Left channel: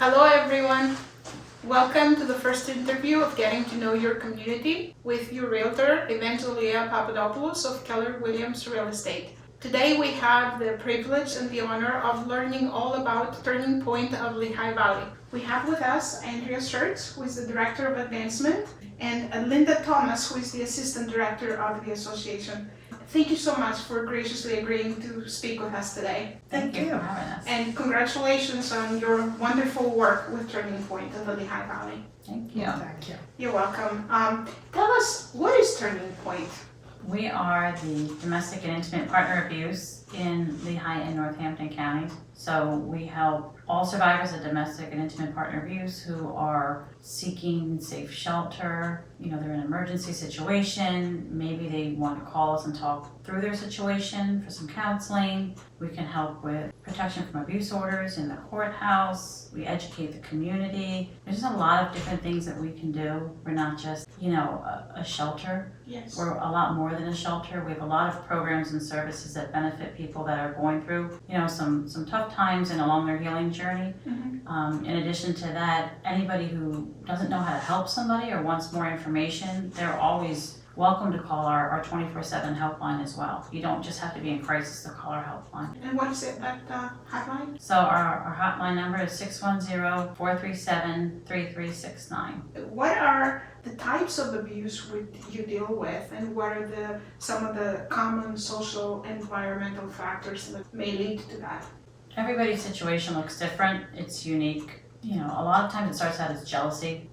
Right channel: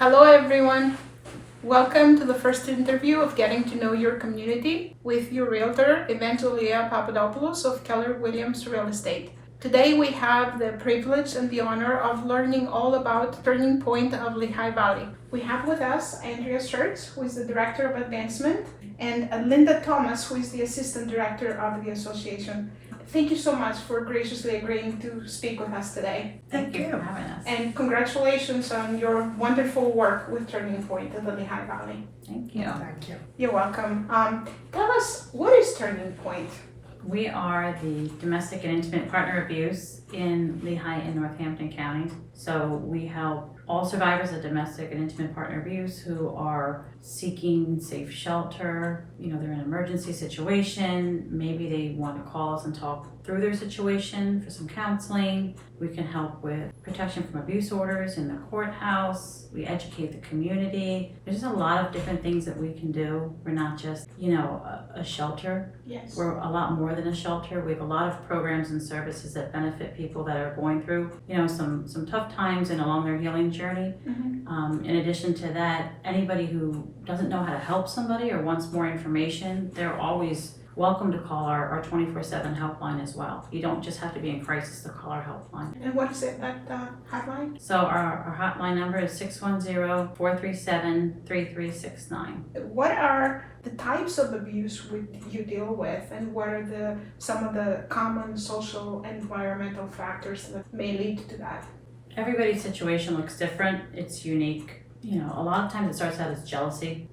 Hello everyone! Welcome to the first interview of Getting to Know Your Community with your realtor, Evangelia Papadopoulos of Keller Williams Real Estate. Today we have the privilege and the honor of learning all about Turning Point of Lehigh Valley. We have with us Andrea Schertz, who is the Director of Advancement, and Linda Thomas, who is the Assistant Director of the Association. Thank you so much for graciously agreeing to speak with us today. Thank you for having us. And congratulations on your wonderful work with Turning Point in the Lehigh Valley. Thank you. Thank you. You're welcome. Tell us, what is Turning Point? We are the domestic and intimate partner abuse in Lehigh and Northampton counties. So we help all survivors of domestic and intimate partner abuse who are seeking safe shelter. They're in an emergency situation. Maybe they want to call us and talk through their situation for some counseling. We can help with protection from abuse orders in the courthouse. We educate the community. There's just a lot of different things that we can do. We're not just, a shelter. Yes. We're a lot more than a shelter. We have a lot of programs and services that benefit people that are going through, some tough times and along their healing journey. Mm-hmm. In addition to that, anybody who doesn't know how to help somebody or wants more information, they're always welcome to call our 24/7 helpline as well. You don't just have to be in crisis to call our helpline. And what is it, that hotline? So our hotline number is 610-437-3369. What are the types of abuse you deal with, and what are some of the common social and environmental factors that may lead to that? Everybody's situation looks different. It's unique. A lot of times it starts out as jealousy,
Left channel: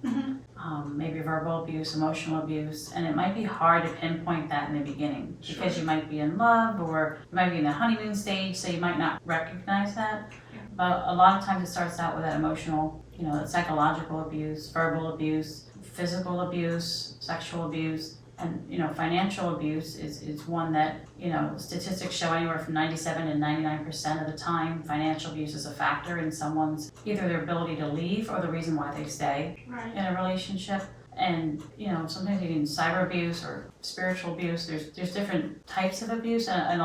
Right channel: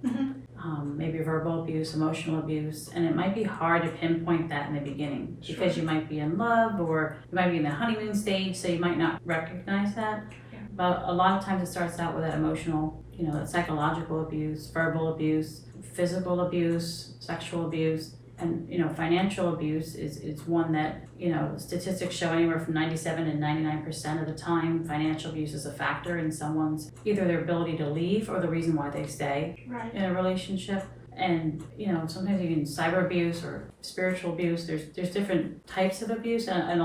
maybe verbal abuse, emotional abuse, and it might be hard to pinpoint that in the beginning because you might be in love or you might be in the honeymoon stage, so you might not recognize that. Yeah. But a lot of times it starts out with that emotional, that psychological abuse, verbal abuse, physical abuse, sexual abuse. And, financial abuse is one that, statistics show anywhere from 97 to 99% of the time financial abuse is a factor in someone's, either their ability to leave or the reason why they stay in a relationship. And, sometimes even cyber abuse or spiritual abuse, there's different types of abuse and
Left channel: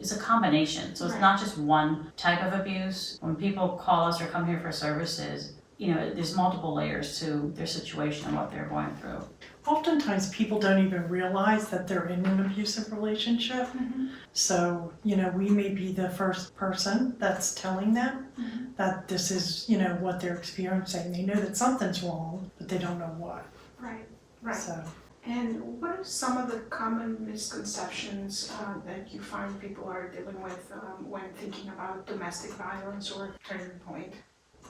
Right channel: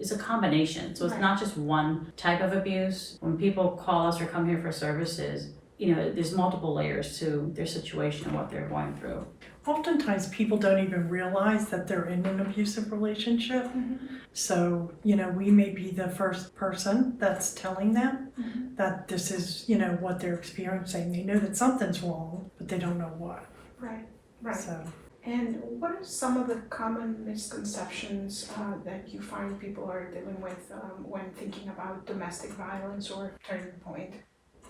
it's a combination. So it's not just one type of abuse. When people call us or come here for services, there's multiple layers to their situation and what they're going through. Oftentimes people don't even realize that they're in an abusive relationship. Mm-hmm. So, we may be the first person that's telling them that this is, what they're experiencing. They know that something's wrong, but they don't know what. Right. So. And what are some of the common misconceptions that you find people are dealing with when thinking about domestic violence or Turning Point?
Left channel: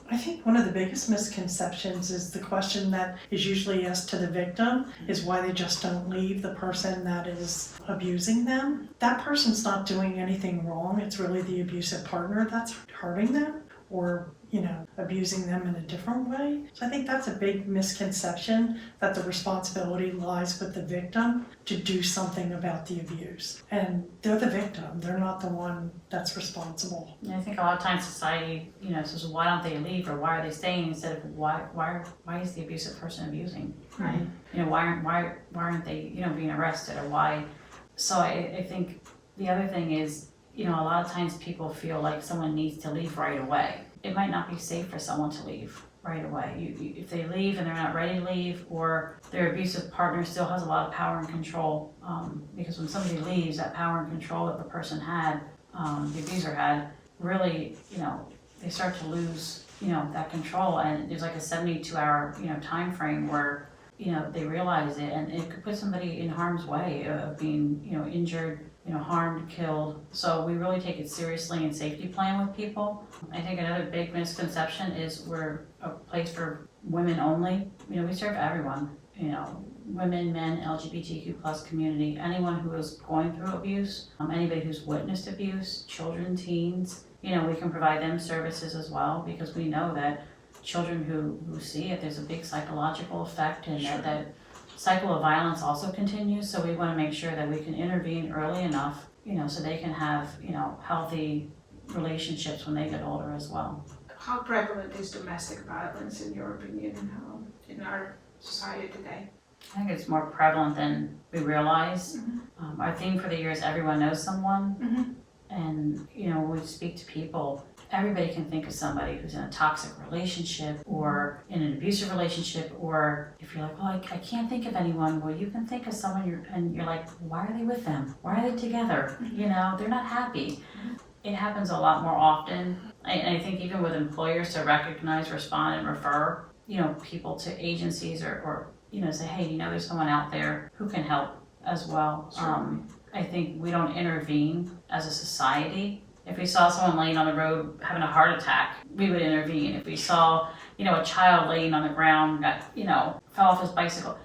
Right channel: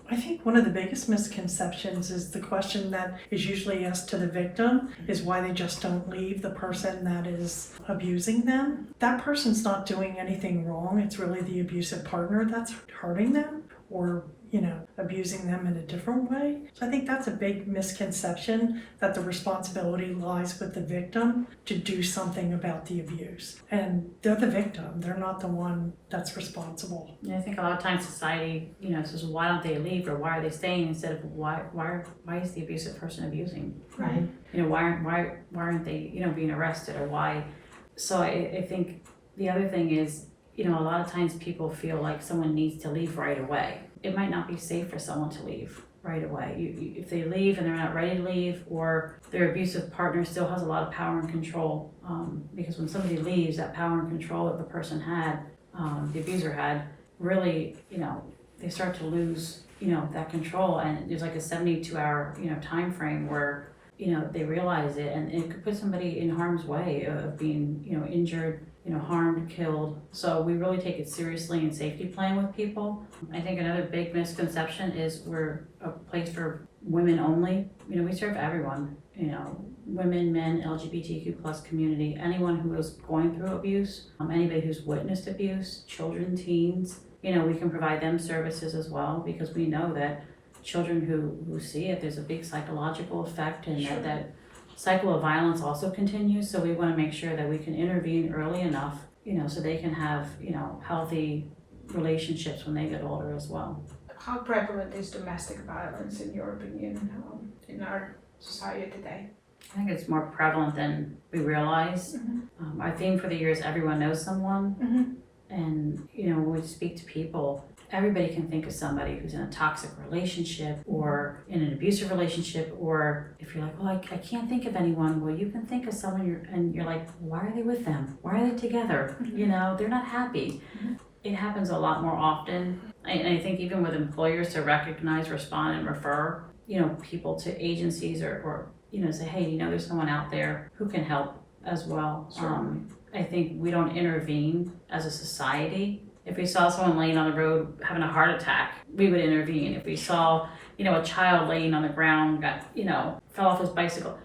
I think one of the biggest misconceptions is the question that is usually asked to the victim is why they just don't leave the person that is abusing them. That person's not doing anything wrong. It's really the abusive partner that's hurting them or, abusing them in a different way. So I think that's a big misconception, that the responsibility lies with the victim to do something about the abuse. And they're the victim. They're not the one that's responsible. And I think a lot of times society, says, why don't they leave or why are they staying instead of why is the abusive person abusing? Right. Why aren't they, being arrested or why? So I think the other thing is, a lot of times people feel like someone needs to leave right away. It might not be safe for someone to leave right away. If they leave and they're not ready to leave, or their abusive partner still has a lot of power and control, because when somebody leaves, that power and control that the person had, the abuser had, really, they start to lose, that control, and there's like a 72-hour, time frame where, they realize it, and it could put somebody in harm's way of being, injured, harmed, killed. So we really take it seriously and safety plan with people. I think another big misconception is we're a place for women only. We serve everyone, women, men, LGBTQ plus community, anyone who is going through abuse, anybody who's witnessed abuse, children, teens. We can provide them services as well, because we know that children who see it, there's a big psychological effect, and that cycle of violence also continues. So we want to make sure that we can intervene early enough, so they can have, healthy relationships when they get older as well. How prevalent is domestic violence in your opinion in our society today? I think it's more prevalent than we realize. Our theme for the year is everyone knows someone. And, when we speak to people, everybody can think of somebody who's in a toxic relationship or in an abusive relationship, or if you're like, well, I can't think of anyone, well, you can think of someone you're like, why are they with them? Why are they together? You know, they're not happy. It happens a lot more often. And I think even with employers to recognize, respond, and refer, you know, people to agencies or you know, say, hey, you know, there's someone out there who can help as well. I think we don't intervene as a society. If we saw someone laying on the road having a heart attack, we would intervene. If we saw, you know, a child laying on the ground, fell off his bicycle.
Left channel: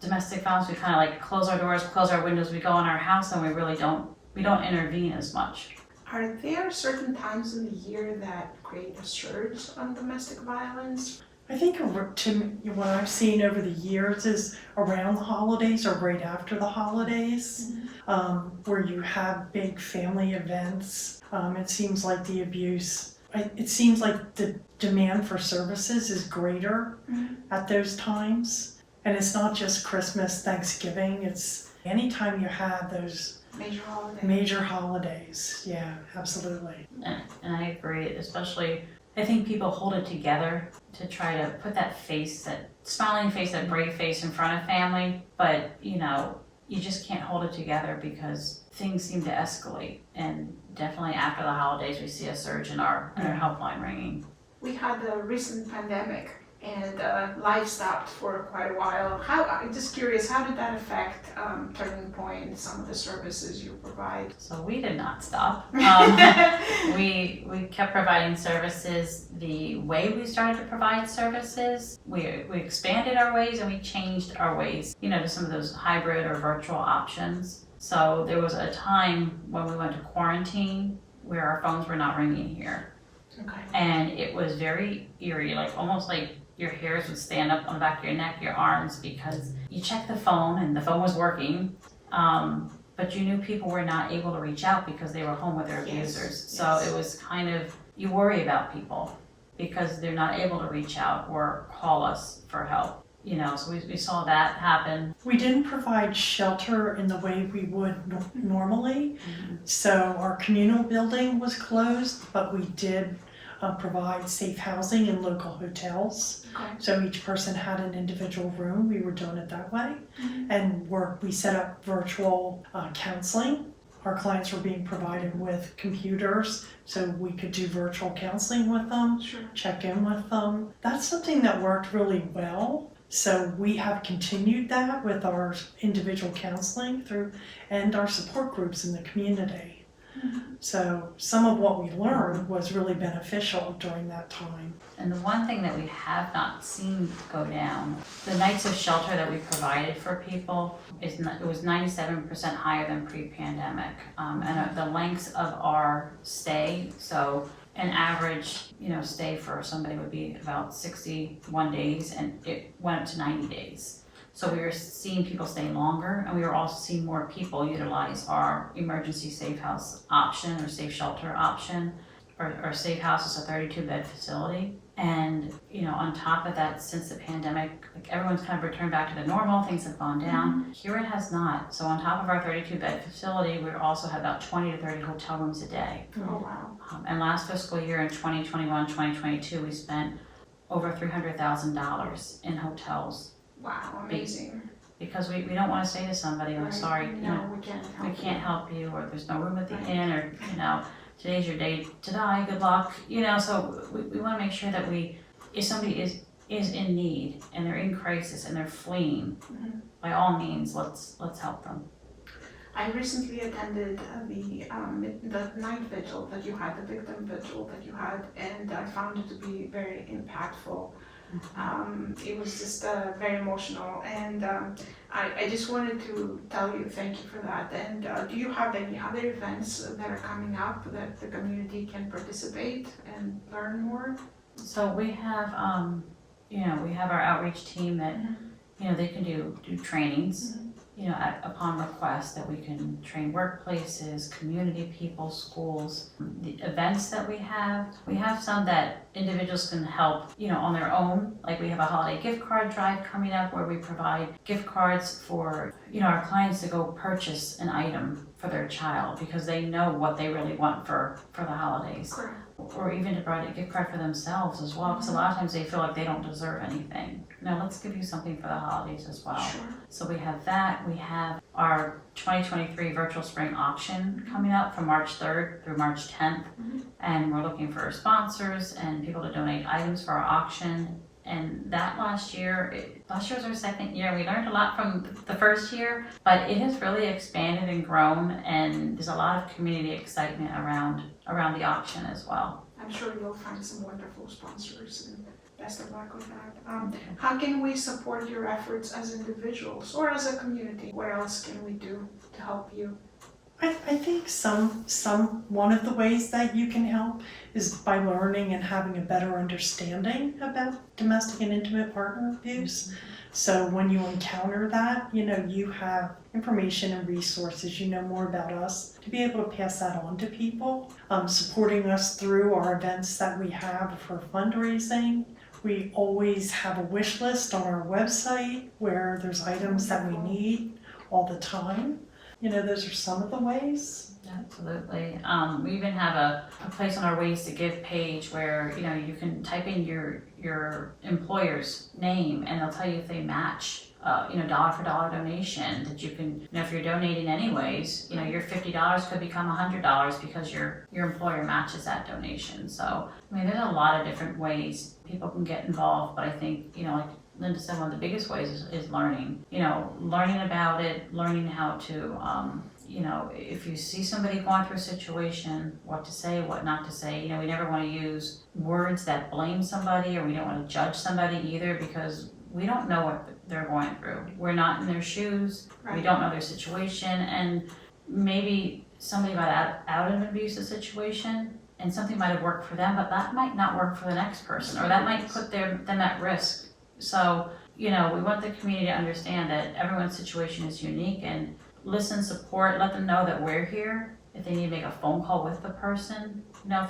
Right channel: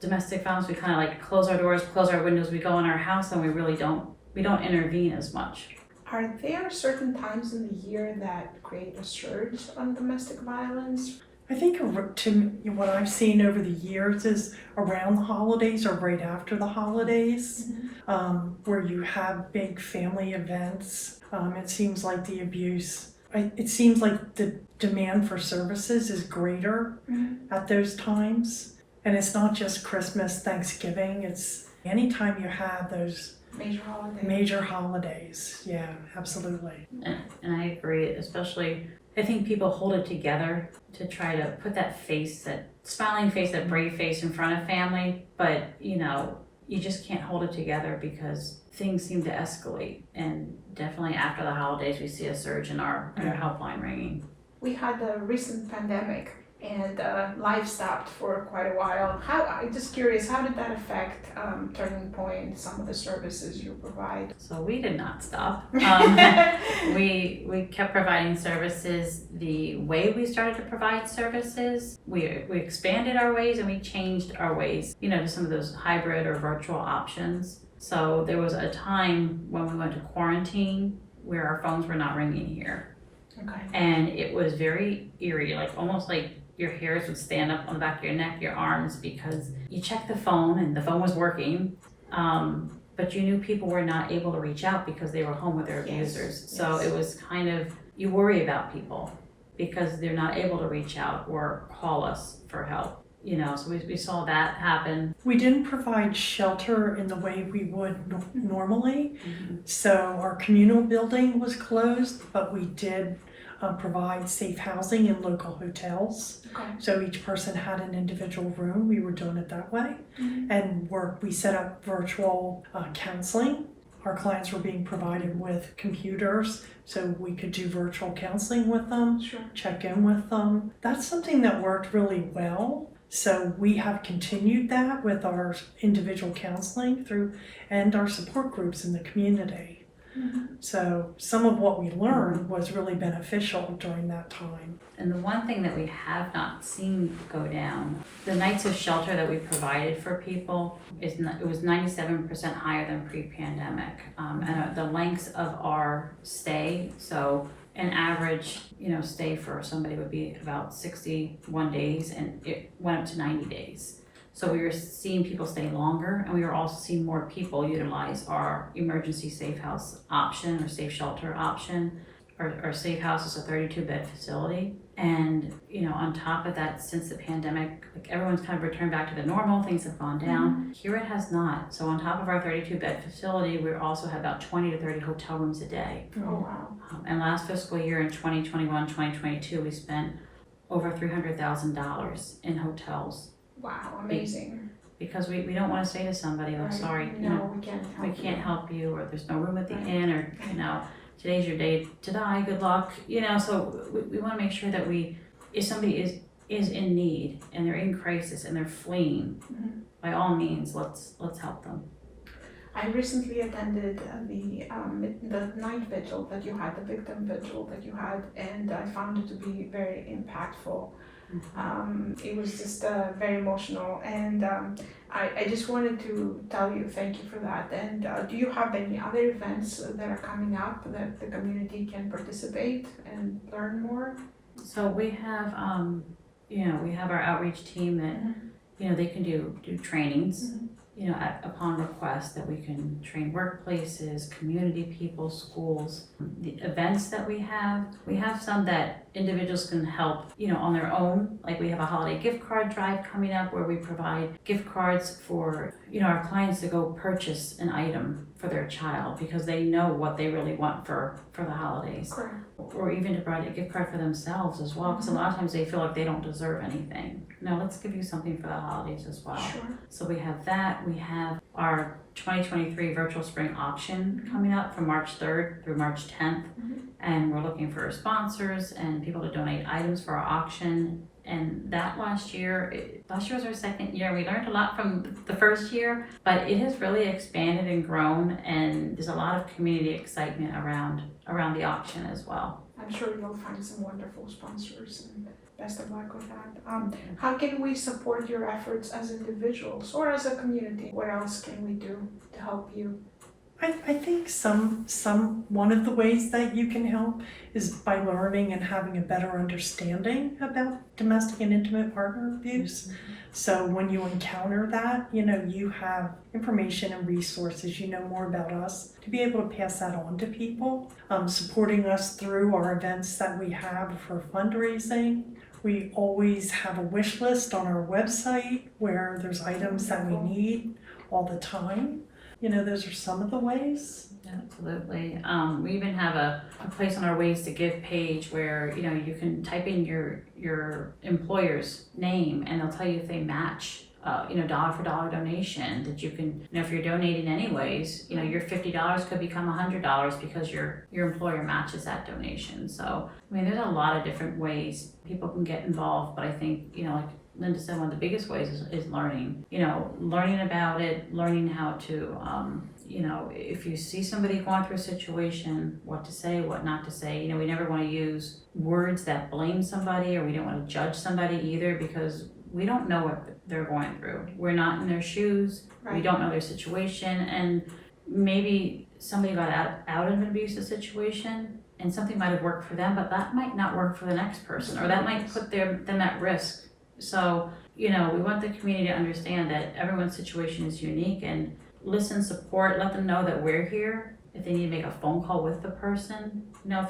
Domestic violence, we kind of like close our doors, close our windows, we go in our house, and we don't intervene as much. Are there certain times in the year that create a surge on domestic violence? I think what I've seen over the years is around the holidays or right after the holidays, where you have big family events. It seems like the abuse, it seems like the demand for services is greater at those times. And it's not just Christmas, Thanksgiving, it's anytime you have those major holidays. Yeah, absolutely. And I agree, especially, I think people hold it together to try to put that face, that smiling face, that brave face in front of family, but you know, you just can't hold it together because things seem to escalate, and definitely after the holidays we see a surge in our helpline ringing. We had a recent pandemic and life stopped for quite a while. I'm just curious, how did that affect Turning Point, some of the services you provide? So we did not stop. We kept providing services the way we started to provide services. We expanded our ways and we changed our ways, you know, to some of those hybrid or virtual options. So there was a time when we went to quarantine where our phones were not ringing here. Okay. And it was very eerie, like almost like your hairs would stand up on the back of your neck, your arms, because you checked the phone and the phone was working, but you knew people were not able to reach out because they were home with their abusers. So it was kind of, you worry about people because they're not able to reach out or call us for help. You know, so we saw that happen. We didn't provide shelter in the way we would normally. So our communal building was closed, but we did provide safe housing in local hotels. Okay. So each person had an individual room. We were doing it that way. And we set up virtual counseling. Our clients were being provided with computers so we could do virtual counseling with them, check in with them. That's something that worked really well. So we have continued that with our individual counseling through and our support groups in the community. So some of what we learned was really beneficial during that time. And the one thing that we have not seen go down, the nights of shelter that we provided for people, it was 97% higher than pre-pandemic. And the lengths of our stay, so an average, you know, stay for somebody would be about 61 days, and it went up to 90 days. So we were seeing people stay longer, and we were also seeing more people utilize our emergency safe house option or safe shelter option. Our safe house is a 32-bed facility. And, you know, on top of that, since the pandemic, like everyone's kind of returned back to the normal, things have gone down. Here it has not. So on top of our 32-bed facility, we also have about 20 to 30 hotel rooms a day. Oh, wow. And last fiscal year in 2021, 2022, we spent over $300,000 in hotels. Wow, amazing. Because we don't want to say to somebody, I'm sorry, you know, we can't help you, or there's no room at the inn, or, you know, today's your day to die, good luck, you know. So we want to make sure that if somebody is in need and they're in crisis and they're fleeing, by all means, let's help them. I recently attended the night vigil that you had, the victim vigil that you had, and I found it to be very impactful. It was just very emotional, and I just wanted to tell you thank you for that. And do you have any other events that are coming up that the community can participate and learn more? So we have, we have our outreach team that, you know, they can do trainings, you know, upon request, that we can train workplaces, community people, schools. The events that we have some that individuals can help, you know, on their own. Like we have a holiday gift card drive coming up where we provide gift cards for, you know, our clients to go purchase an item for for their child because they know what they really want for the holidays. Correct. Or even to provide a gift card for themselves as well, because a lot of times they feel like they don't deserve anything. Now let's give you something for the holidays as well. Sure. So we have that. We have our 2023 virtual spring auction coming up from March 3rd through March 10th. And we're looking for sponsors and people to donate items for our auction. And that last year was our second year. We learned a lot from the first year, but it has really expanded and grown, and there's a lot of community excitement around the auction as well. I'm sure you'll find some wonderful sponsors, and best of luck with that. How can we support your efforts as individuals or as a community? What else can we do to help you? I think one of the ways that you can help is by learning and having a better understanding about domestic and intimate partner abuse. So when you encounter that, you have information and resources, you know more about us to be able to pass that on to people. Supporting us through our events that we have for fundraising. We always have a wish list on our website where there's items that we need all the time. Those are some of the ways. Absolutely. We even have a place on our Ways to Give page where, you can type in your employer's name and they'll tell you if they match, dollar for dollar donation that you can, if you're donating anyways, your $50 could become $100 because your employer matches that donation. So, there's a lot of different ways people can get involved, but I think, like Linda said, one of the biggest ways is learning. Learning about it, learning how to, if you see somebody going through a situation, what to say, what not to say. We never want to use words that blame somebody, or we don't want to judge somebody either, because we don't know what they're going through. We're not in their shoes. Right. We don't know their situation, and maybe somebody got out of an abusive situation and something might have worked for them, but that might not work for the next person, or that might put them at risk. So, we want the community to understand that everyone's situation is unique, and listen, support, let them know that we're here. If they need to make a phone call with the person,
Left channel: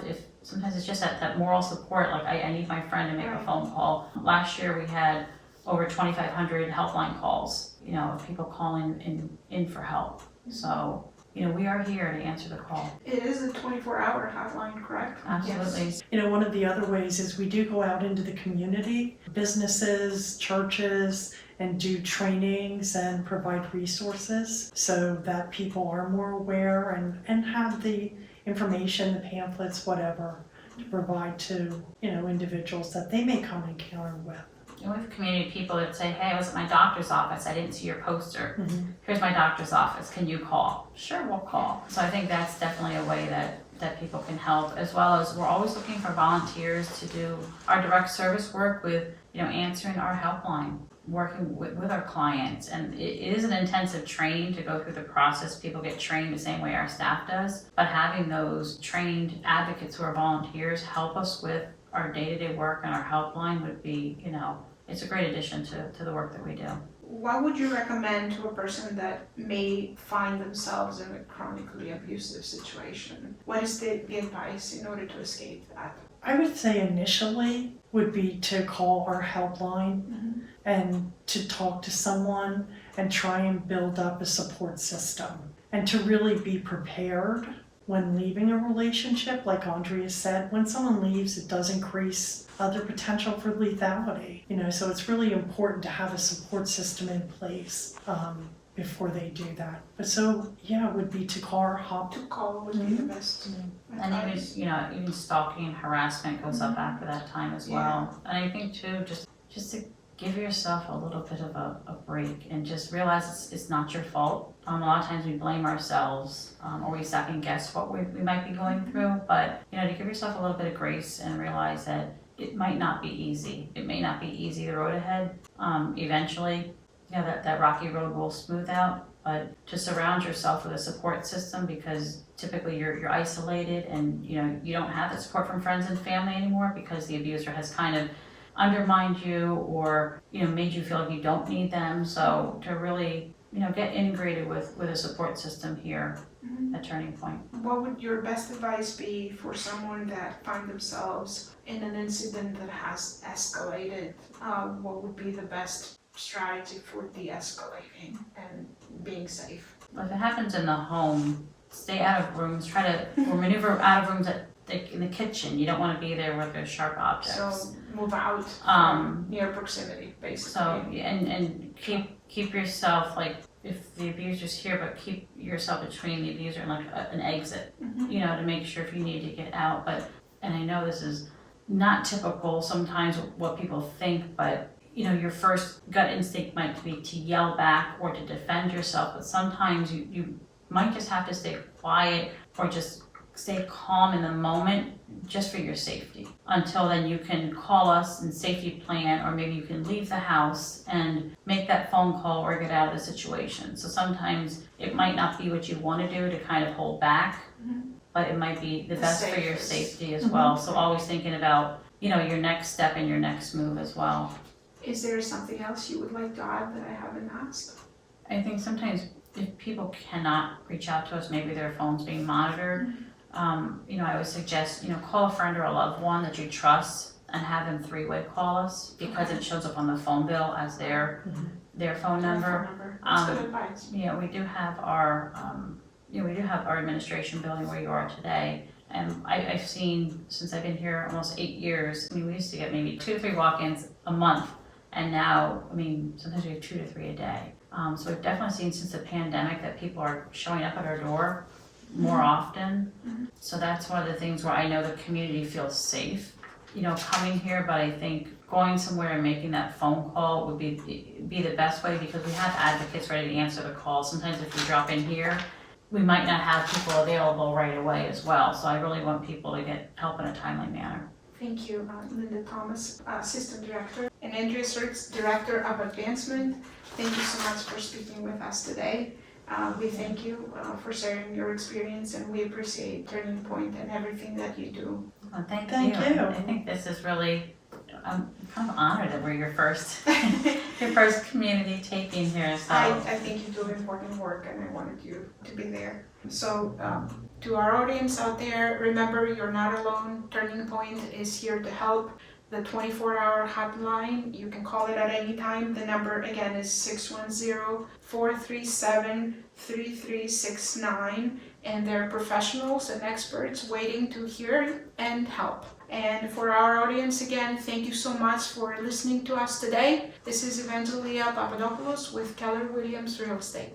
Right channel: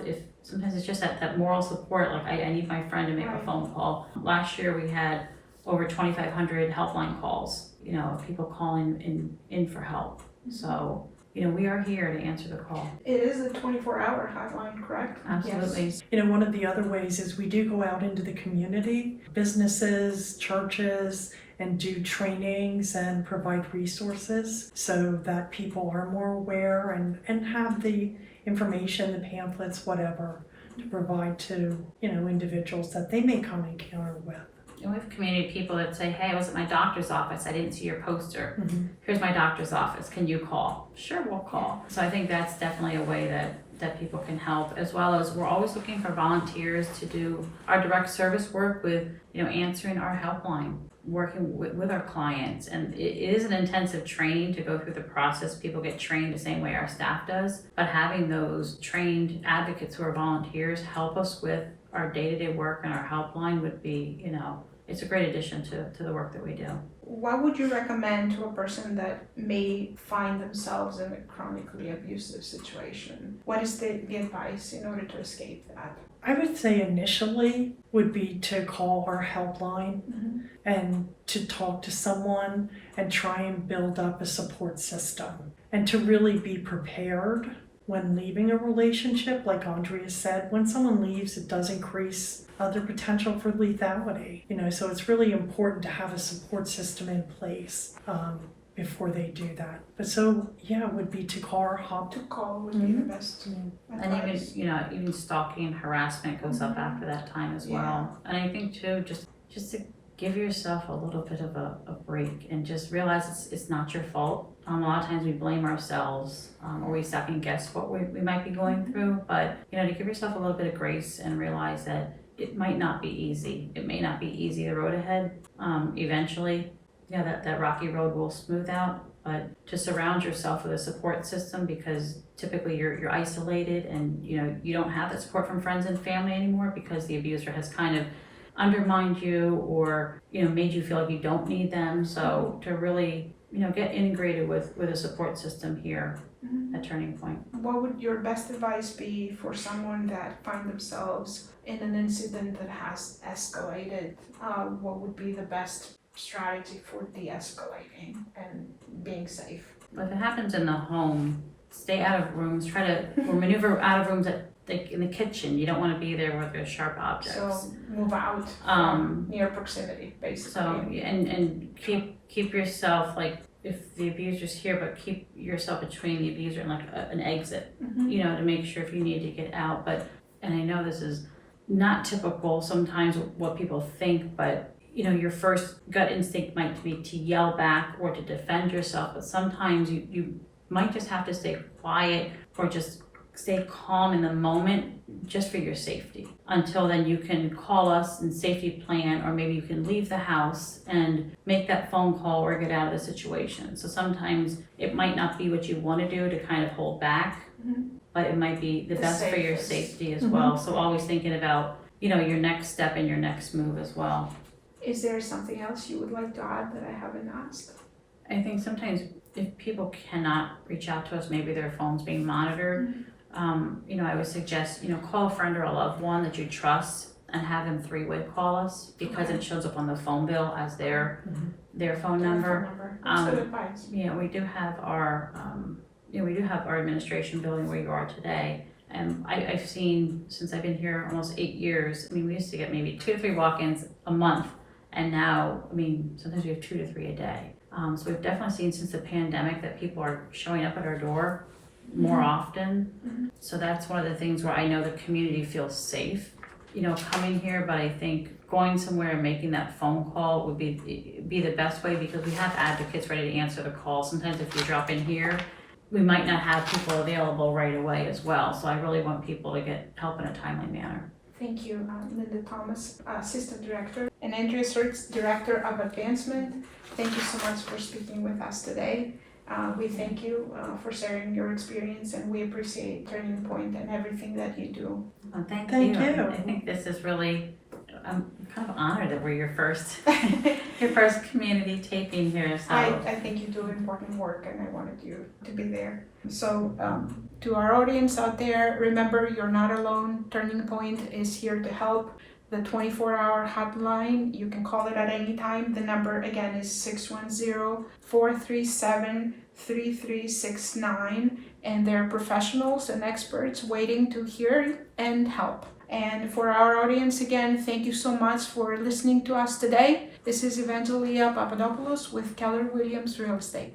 if sometimes it's just that moral support, like I need my friend to make a phone call. Last year we had over 2,500 helpline calls, of people calling in for help. So, we are here to answer the call. It is a 24-hour hotline, correct? Absolutely. Yes. One of the other ways is we do go out into the community, businesses, churches, and do trainings and provide resources so that people are more aware and have the information, the pamphlets, whatever, to provide to, individuals that they may come encounter with. And we have community people that say, hey, I was at my doctor's office, I didn't see your poster. Here's my doctor's office, can you call? Sure, we'll call. So I think that's definitely a way that people can help, as well as we're always looking for volunteers to do our direct service work with, answering our helpline, working with our clients. And it is an intensive training to go through the process. People get trained the same way our staff does, but having those trained advocates who are volunteers help us with our day-to-day work, and our helpline would be, it's a great addition to the work that we do. What would you recommend to a person that may find themselves in a chronically abusive situation? What is the advice in order to escape that? I would say initially would be to call our helpline and to talk to someone and try and build up a support system, and to really be prepared when leaving a relationship. Like Andrea said, when someone leaves, it does increase their potential for lethality. So it's really important to have a support system in place before they do that. But it would be to call our hop. To call would be the best. And even stalking and harassment goes up after that time as well. And I think too, just to give yourself a little bit of a break and just realize it's not your fault. A lot of times we blame ourselves, or we second guess what we might be going through, but to give yourself a little bit of grace and realize that it might not be easy. It may not be easy, the road ahead. Eventually, that rocky road will smooth out, but to surround yourself with a support system, because typically you're isolated and you don't have that support from friends and family anymore because the abuser has kind of undermined you, or made you feel like you don't need them. So to really get integrated with a support system here at Turning Point. What would your best advice be for someone that find themselves in an incident that has escalated? What would be the best strategy for de-escalating and being safe? If it happens in the home, stay out of rooms, try to or maneuver out of rooms in the kitchen. You don't want to be there with the sharp objects. So move out Um, from near proximity, basically. So, and keep yourself, like, if the abuser's here, but keep yourself between the abuser and like an exit, Mhm. you know, to make sure if you need to get out. But, and I know this is not typical sometimes what people think, but you know, your first gut instinct might be to yell back or to defend yourself, but sometimes you might just have to stay quiet or just stay calm in the moment just for your safety. Until then, you can call us and safety plan, or maybe you can leave the house and make that phone call or get out of the situation. So sometimes it might not be what you want to do to kind of hold back, Mhm. but it might be the best for your safest. safety as well. So always thinking about, you know, your next step and your next move as well. Is there something else you would like to add that I haven't asked? I think sometimes if people cannot reach out to us, maybe their phone's being monitored, you know, I would suggest, you know, call a friend or a loved one that you trust and have them three-way call us, because it shows up on the phone bill as their phone number. That's good advice. Yeah, we do have our, we do have our administration building where you are today. And I've seen, since I've been here almost 8 years, I mean, we used to get maybe 2 or 3 walk-ins a month. And now, I mean, sometimes we have 2 to 3 a day. So we've definitely seen since the pandemic that people are showing up at our door more often. So that's one of the things where I know the community feels safe, you know, coming here. But I think going somewhere and making that phone call would be the best way, because we have advocates ready to answer the call. Sometimes if you drop in here, we might not have people available right away as well. So I really want people to get help in a timely manner. Thank you, Linda Thomas, Assistant Director, and Andrea Sirks, Director of Advancement. Thank you so much for speaking with us today. We thank you for sharing your experience, and we appreciate Turning Point and everything that you do. Well, thank Thank you. you. I think this is really, I'm kind of honored that we're your first community taping here. So I think you do important work, and I wanted you to be there. So to our audience out there, remember, you're not alone. Turning Point is here to help. The 24-hour hotline, you can call it at any time. The number again is 610-437-3369, and there are professionals and experts waiting to hear and help. And for our audience, again, thank you so much for listening to us today. This is Evangelia Papadopoulos with Keller Williams Real Estate.